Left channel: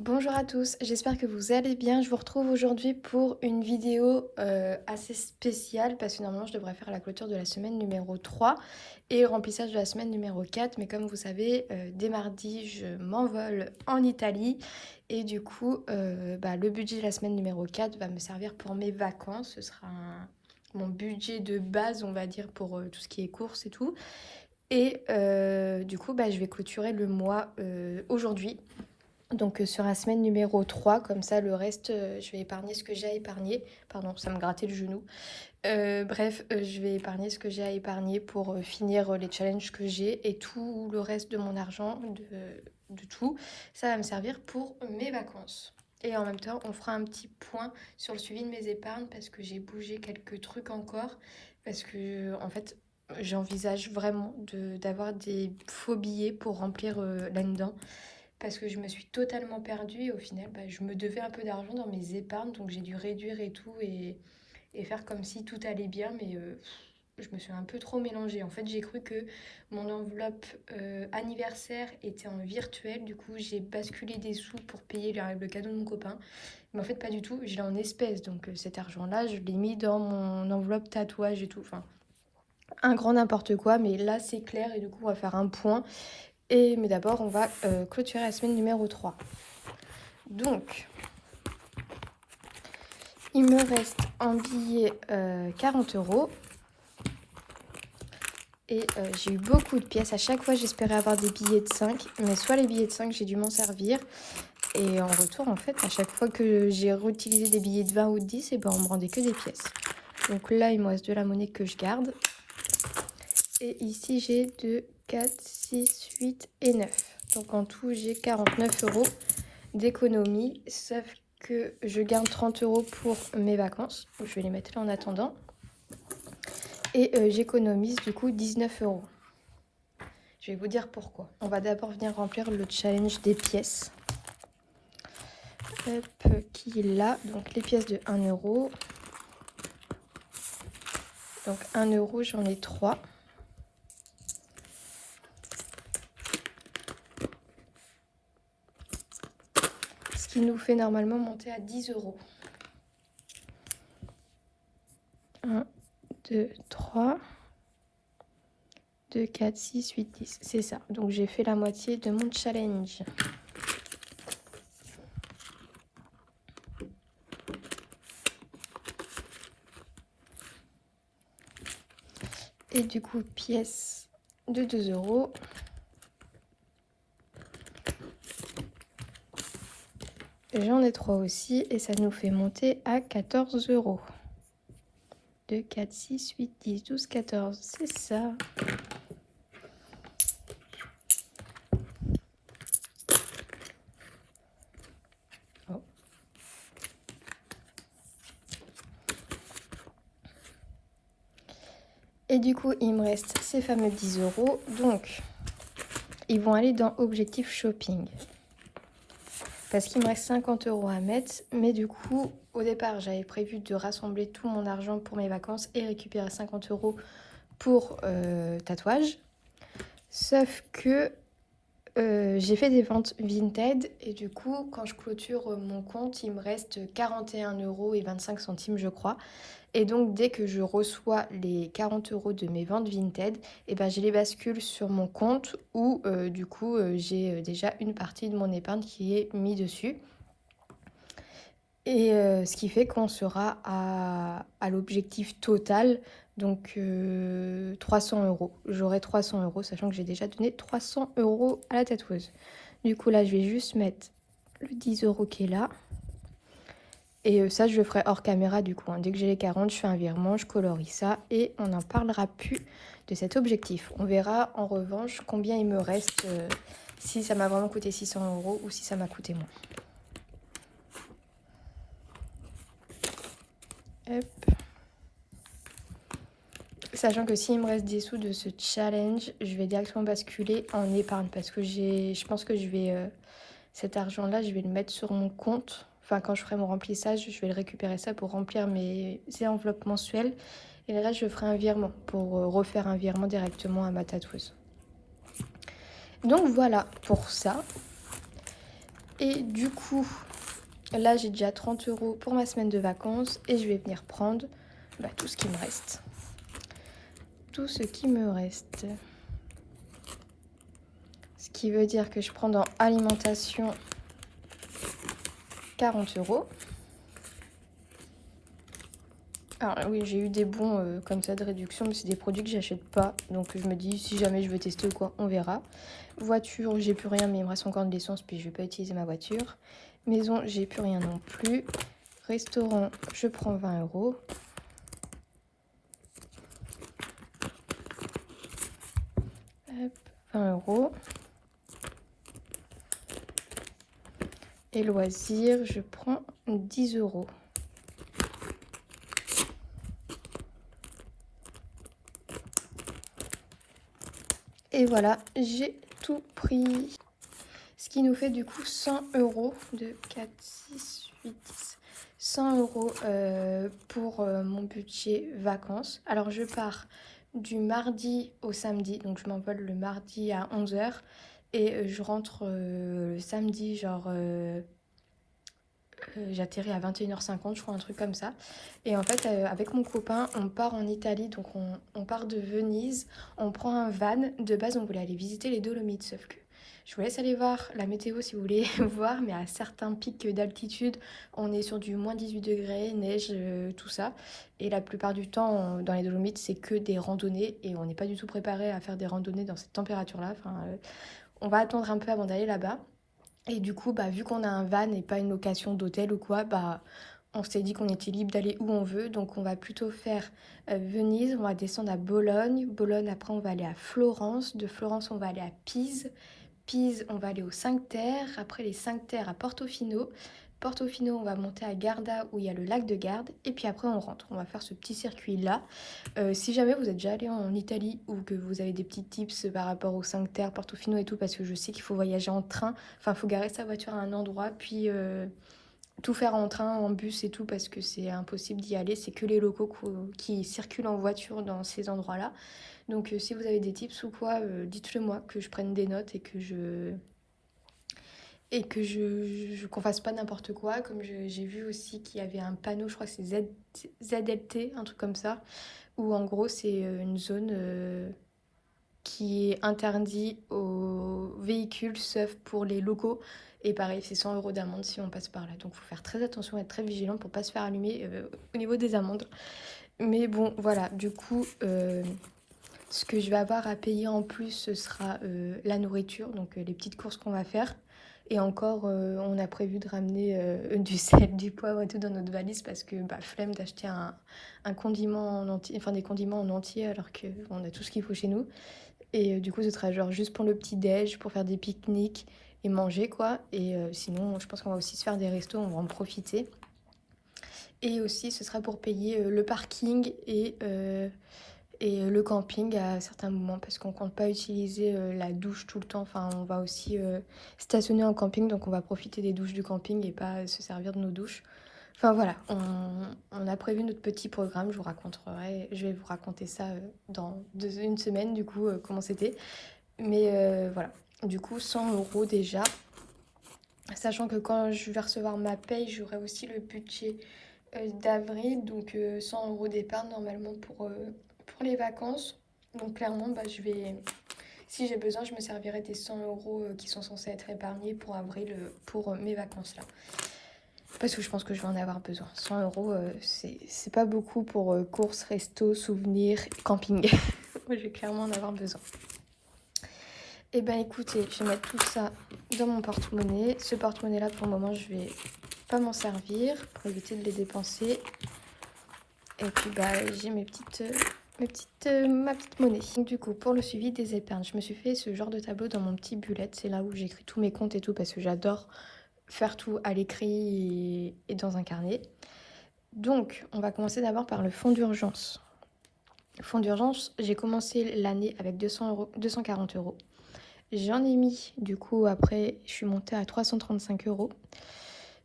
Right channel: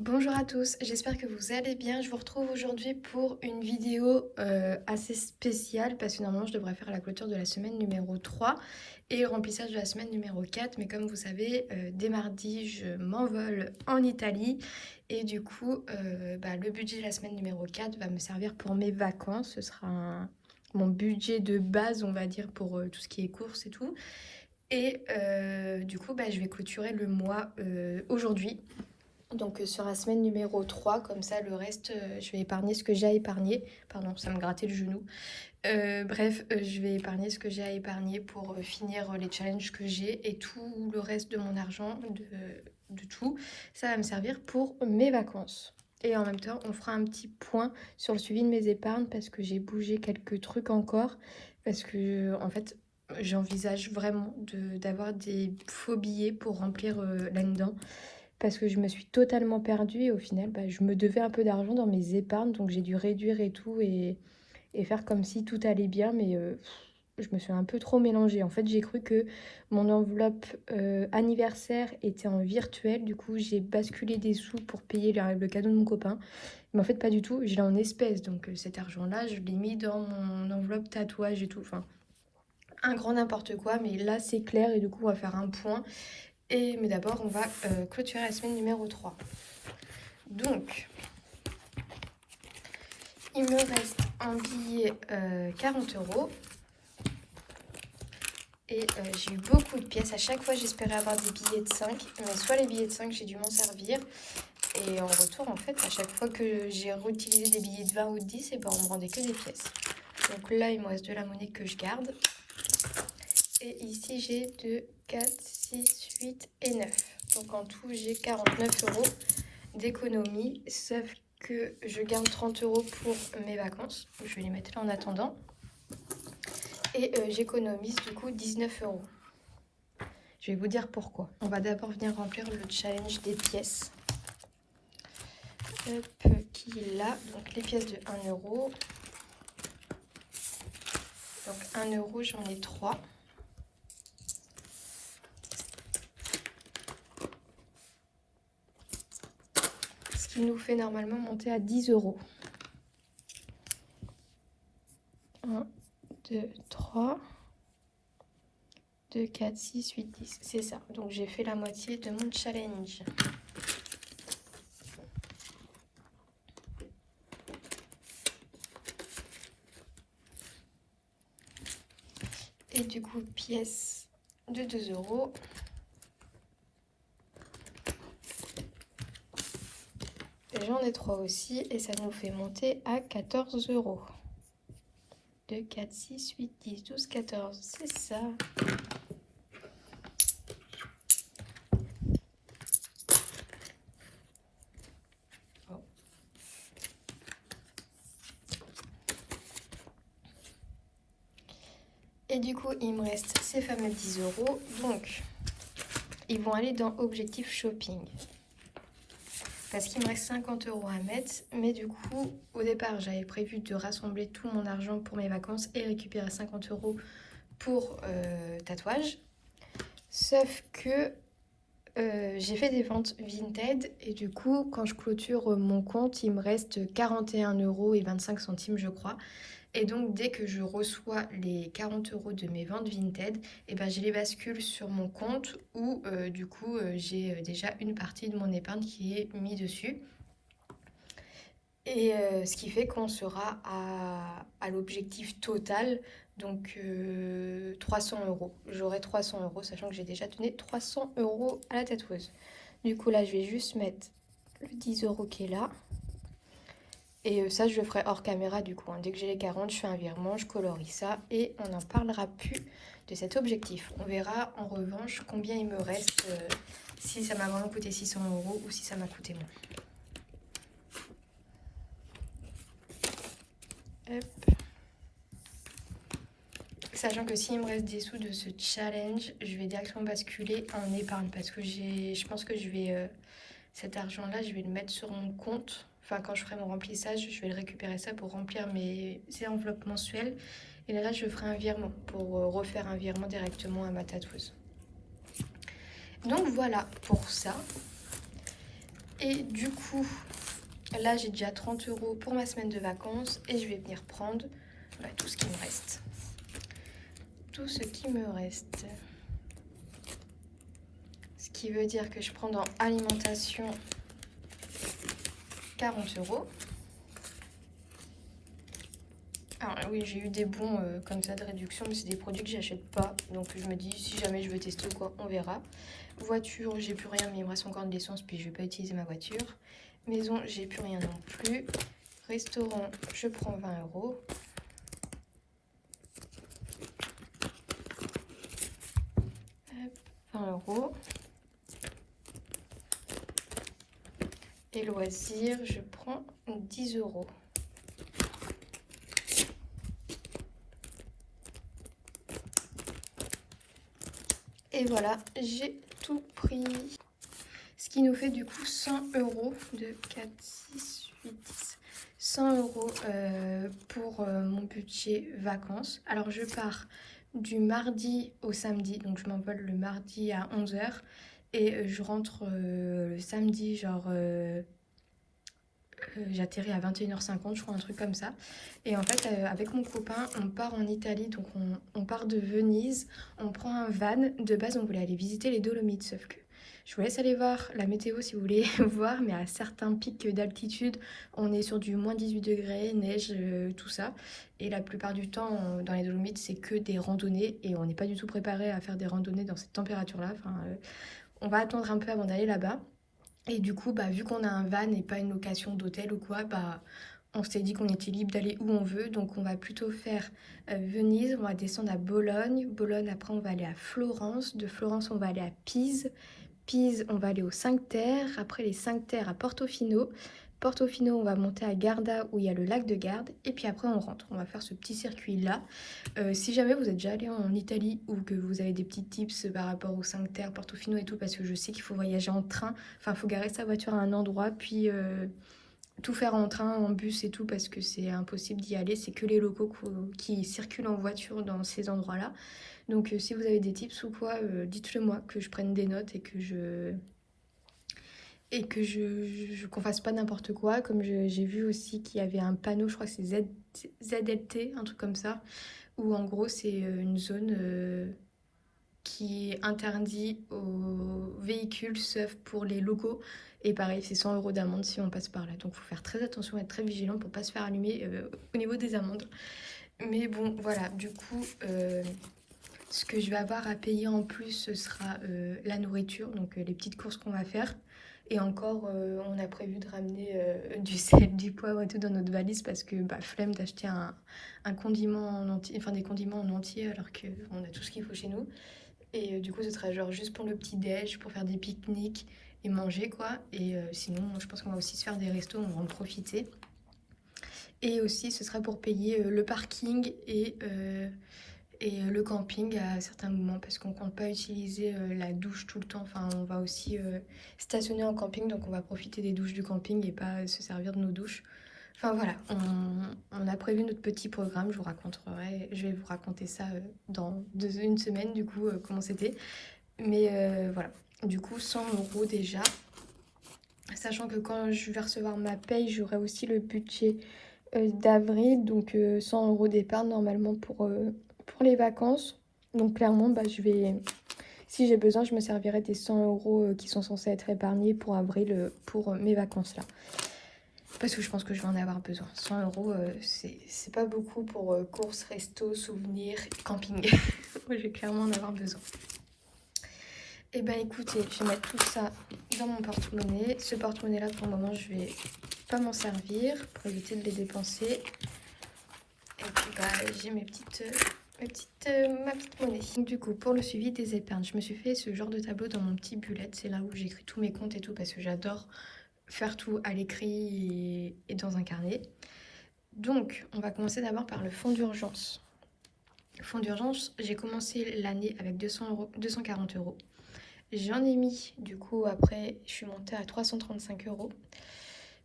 Bonjour à tous, j'espère que vous allez bien. Je vous retrouve aujourd'hui pour une vidéo assez spéciale parce que normalement je devrais faire la clôture de la semaine numéro 3 et le remplissage de la semaine numéro 4. Mais comme vous savez, dès mardi, je m'envole en Italie et du coup, le budget de la semaine numéro 4 va me servir pour mes vacances. Ce sera mon budget de base, on va dire, pour tout ce qui est courses et tout. Et du coup, je vais clôturer le mois aujourd'hui. Donc sur la semaine numéro 3, comme ça le reste, je vais épargner ce que j'ai à épargner. Pardon, ça me grattait le genou. Je vais épargner ce que j'ai à épargner pour finir les challenges que j'ai et tout le reste de mon argent, de tout, ça va me servir pour mes vacances. Et en même temps, on fera un petit point sur le suivi de mes épargnes parce que j'ai bougé quelques trucs encore. Parce que, en fait, j'envisage vraiment d'avoir des faux billets pour remplir là-dedans parce que je me suis totalement perdue et au final, je me devais un peu d'argent dans mes épargnes, donc j'ai dû réduire et tout et faire comme si tout allait bien, mais je me suis un peu trop mélangée. En fait, j'ai cru que mon enveloppe anniversaire était en virtuel, du coup j'ai basculé des sous pour payer le cadeau de mon copain, mais en fait pas du tout, je l'ai en espèces, donc cet argent-là, je l'ai mis dans mon enveloppe tatouage et tout, enfin un grand n'importe quoi, mais là c'est clair et du coup on va faire un point. Mais d'abord, on va clôturer la semaine numéro 3. Donc, il me reste un billet 40 euros. Et j'ai eu beaucoup de pièces. À chaque fois, j'espérais avoir des billets de 5. Mais soit les billets de 5, j'ai dû m'en servir. Et en retour, en fait, à chaque fois que j'ai réutilisé des billets de 20 ou de 10, et on me rendait que des pièces. Donc là, il me reste de la monnaie que je garde. Et ici, j'ai 2, 4, 6, 8 et 9. Donc en tout, j'ai 49 euros d'économie, sauf que je garde 30 euros pour mes vacances. Je vais les mettre là en attendant. Et j'économise du coup 19 euros. Je vais vous dire pourquoi. On va d'abord venir remplir le challenge des pièces. Hop, qui est là. Donc les pièces de 1 euro. Donc 1 euro, j'en ai 3. Ce qui nous fait normalement monter à 10 euros. 1, 2, 3. 2, 4, 6, 8, 10. C'est ça. Donc j'ai fait la moitié de mon challenge. Et du coup, pièce de 2 euros. J'en ai 3 aussi et ça nous fait monter à 14 euros. 2, 4, 6, 8, 10, 12, 14. C'est ça. Oh. Et du coup, il me reste ces fameux 10 euros. Donc, ils vont aller dans Objectif Shopping. Parce qu'il me reste 50 euros à mettre. Mais du coup, au départ, j'avais prévu de rassembler tout mon argent pour mes vacances et récupérer 50 euros pour tatouage. Sauf que j'ai fait des ventes Vinted et du coup, quand je clôture mon compte, il me reste 41 euros et 25 centimes, je crois. Et donc, dès que je reçois les 40 euros de mes ventes Vinted, je les bascule sur mon compte où du coup, j'ai déjà une partie de mon épargne qui est mise dessus. Et ce qui fait qu'on sera à l'objectif total, donc 300 euros. J'aurai 300 euros, sachant que j'ai déjà donné 300 euros à la tatoueuse. Du coup, là, je vais juste mettre le 10 euros qui est là. Et ça, je le ferai hors caméra du coup. Dès que j'ai les 40, je fais un virement, je colorie ça et on n'en parlera plus de cet objectif. On verra en revanche combien il me reste, si ça m'a vraiment coûté 600 euros ou si ça m'a coûté moins. Hop. Sachant que s'il me reste des sous de ce challenge, je vais directement basculer en épargne parce que je pense que je vais cet argent-là, je vais le mettre sur mon compte. Enfin, quand je ferai mon remplissage, je vais le récupérer ça pour remplir mes enveloppes mensuelles. Et là, je ferai un virement pour refaire un virement directement à ma tatoueuse. Donc voilà pour ça. Et du coup, là j'ai déjà 30 € pour ma semaine de vacances et je vais venir prendre tout ce qui me reste. Tout ce qui me reste. Ce qui veut dire que je prends dans alimentation 40 €. Alors oui, j'ai eu des bons comme ça de réduction, mais c'est des produits que j'achète pas. Donc je me dis, si jamais je veux tester ou quoi, on verra. Voiture, j'ai plus rien, mais il me reste encore de l'essence, puis je vais pas utiliser ma voiture. Maison, j'ai plus rien non plus. Restaurant, je prends 20 €. Hop, 20 €. Et loisirs, je prends 10 €. Et voilà, j'ai tout pris. Ce qui nous fait du coup 100 € de 4, 6, 8, 10. 100 € pour mon budget vacances. Alors je pars du mardi au samedi, donc je m'envole le mardi à 11 h et je rentre le samedi genre j'atterris à 21 h 50 je crois, un truc comme ça. Et en fait avec mon copain on part en Italie, donc on part de Venise, on prend un van. De base on voulait aller visiter les Dolomites, sauf que je vous laisse aller voir la météo si vous voulez voir, mais à certains pics d'altitude on est sur du moins 18 degrés, neige, tout ça. Et la plupart du temps dans les Dolomites c'est que des randonnées et on n'est pas du tout préparé à faire des randonnées dans cette température là. On va attendre un peu avant d'aller là-bas. Et du coup, vu qu'on a un van et pas une location d'hôtel ou quoi, on s'est dit qu'on était libre d'aller où on veut. Donc on va plutôt faire Venise, on va descendre à Bologne. Bologne, après on va aller à Florence. De Florence, on va aller à Pise. Pise, on va aller aux 5 Terres. Après les 5 Terres à Portofino. Portofino, on va monter à Garda où il y a le lac de Garde. Et puis après, on rentre. On va faire ce petit circuit-là. Si jamais vous êtes déjà allé en Italie ou que vous avez des petits tips par rapport aux 5 Terres, Portofino et tout, parce que je sais qu'il faut voyager en train. Enfin, il faut garer sa voiture à un endroit, puis tout faire en train, en bus et tout, parce que c'est impossible d'y aller. C'est que les locaux qui circulent en voiture dans ces endroits-là. Donc si vous avez des tips ou quoi, dites-le moi, que je prenne des notes et que qu'on fasse pas n'importe quoi. Comme j'ai vu aussi qu'il y avait un panneau, je crois que c'est ZLT, un truc comme ça, où en gros c'est une zone qui est interdite aux véhicules sauf pour les locaux. Et pareil, c'est 100 € d'amende si on passe par là. Donc faut faire très attention, être très vigilant pour pas se faire allumer au niveau des amendes. Mais bon, voilà, du coup, ce que je vais avoir à payer en plus, ce sera la nourriture, donc les petites courses qu'on va faire. Et encore, on a prévu de ramener du sel, du poivre et tout dans notre valise parce que flemme d'acheter un condiment en entier, enfin des condiments en entier alors qu'on a tout ce qu'il faut chez nous. Et du coup, ce sera genre juste pour le petit-déj, pour faire des pique-niques et manger quoi. Et sinon, je pense qu'on va aussi se faire des restos, on va en profiter. Et aussi, ce sera pour payer le parking et le camping à certains moments parce qu'on compte pas utiliser la douche tout le temps. Enfin, on va aussi stationner en camping, donc on va profiter des douches du camping et pas se servir de nos douches. Enfin voilà, on a prévu notre petit programme, je vais vous raconter ça dans une semaine du coup, comment c'était. Mais voilà, du coup 100 € déjà, sachant que quand je vais recevoir ma paye, j'aurai aussi le budget d'avril, donc 100 € d'épargne normalement pour les vacances. Donc clairement, si j'ai besoin, je me servirai des 100 € qui sont censés être épargnés pour avril pour mes vacances là. Parce que je pense que je vais en avoir besoin. 100 €, c'est pas beaucoup pour courses, resto, souvenirs, camping. Moi, je vais clairement en avoir besoin. Et ben écoutez, je vais mettre tout ça dans mon porte-monnaie. Ce porte-monnaie là, pour le moment, je vais pas m'en servir pour éviter de les dépenser. Et puis j'ai ma petite monnaie. Donc du coup, pour le suivi des épargnes, je me suis fait ce genre de tableau dans mon petit bullet. C'est là où j'écris tous mes comptes et tout parce que j'adore faire tout à l'écrit et dans un carnet. Donc, on va commencer d'abord par le fonds d'urgence. Fonds d'urgence, j'ai commencé l'année avec 240 €. J'en ai mis, du coup, après, je suis montée à 335 €.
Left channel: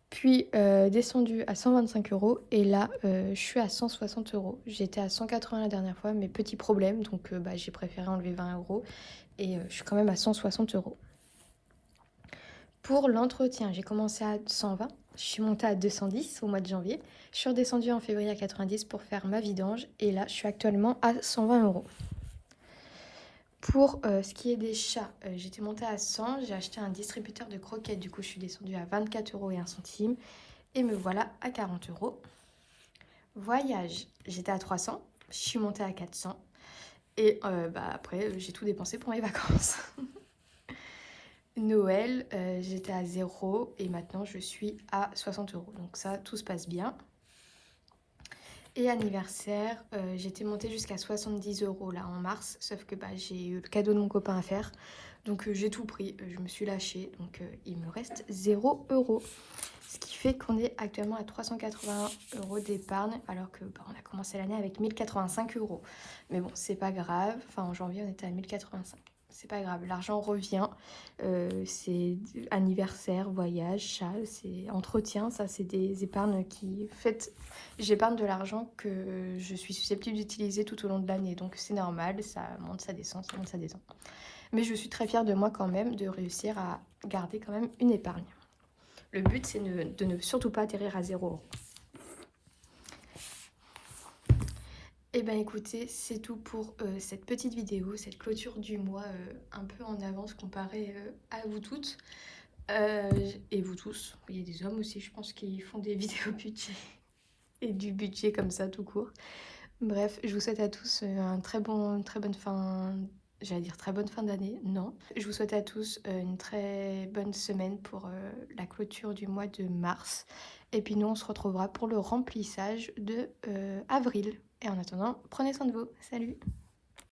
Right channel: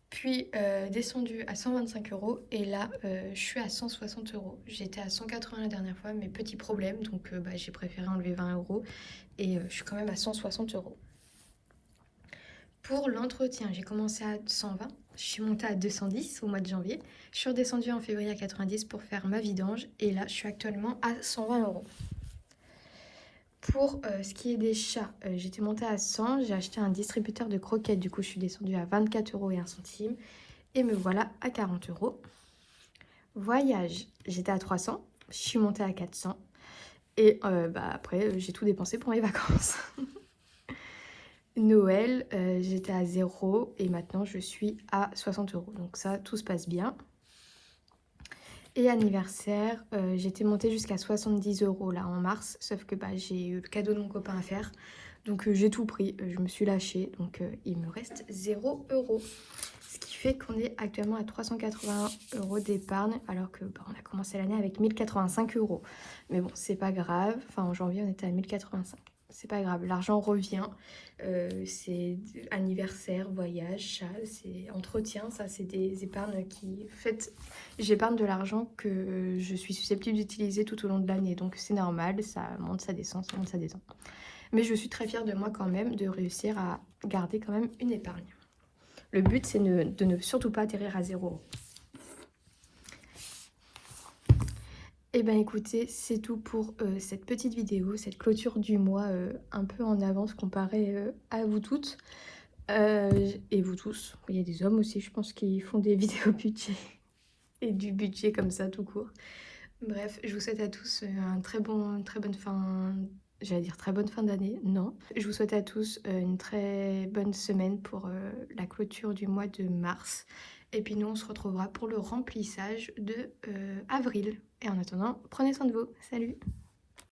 Puis descendu à 125 €. Et là, je suis à 160 €. J'étais à 180 la dernière fois, mais petit problème. Donc, j'ai préféré enlever 20 €. Et je suis quand même à 160 €. Pour l'entretien, j'ai commencé à 120, je suis montée à 210 au mois de janvier. Je suis redescendue en février à 90 pour faire ma vidange et là, je suis actuellement à 120 euros. Pour ce qui est des chats, j'étais montée à 100, j'ai acheté un distributeur de croquettes, du coup je suis descendue à 24 euros et 1 centime et me voilà à 40 euros. Voyage, j'étais à 300, je suis montée à 400 et après j'ai tout dépensé pour mes vacances. Noël, j'étais à 0 et maintenant je suis à 60 euros, donc ça tout se passe bien. Et anniversaire, j'étais montée jusqu'à 70 euros là en mars, sauf que j'ai eu le cadeau de mon copain à faire, donc j'ai tout pris, je me suis lâchée, donc il me reste 0 euros. Ce qui fait qu'on est actuellement à 381 euros d'épargne, alors que on a commencé l'année avec 1085 euros. Mais bon, c'est pas grave, enfin en janvier on était à 1085. C'est pas grave, l'argent revient, c'est anniversaire, voyage, chat, c'est entretien, ça c'est des épargnes qui... En fait, j'épargne de l'argent que je suis susceptible d'utiliser tout au long de l'année, donc c'est normal, ça monte, ça descend, ça monte, ça descend. Mais je suis très fière de moi quand même de réussir à garder quand même une épargne. Le but c'est de ne surtout pas atterrir à 0 €. Et ben écoutez, c'est tout pour cette petite vidéo, cette clôture du mois un peu en avance comparé à vous toutes et vous tous. Il y a des hommes aussi, je pense, qui font des vidéos budget et du budget comme ça tout court. Bref, je vous souhaite à tous très bonne fin, j'allais dire très bonne fin d'année, non. Je vous souhaite à tous une très bonne semaine pour la clôture du mois de mars. Et puis nous, on se retrouvera pour le remplissage de avril. Et en attendant, prenez soin de vous. Salut!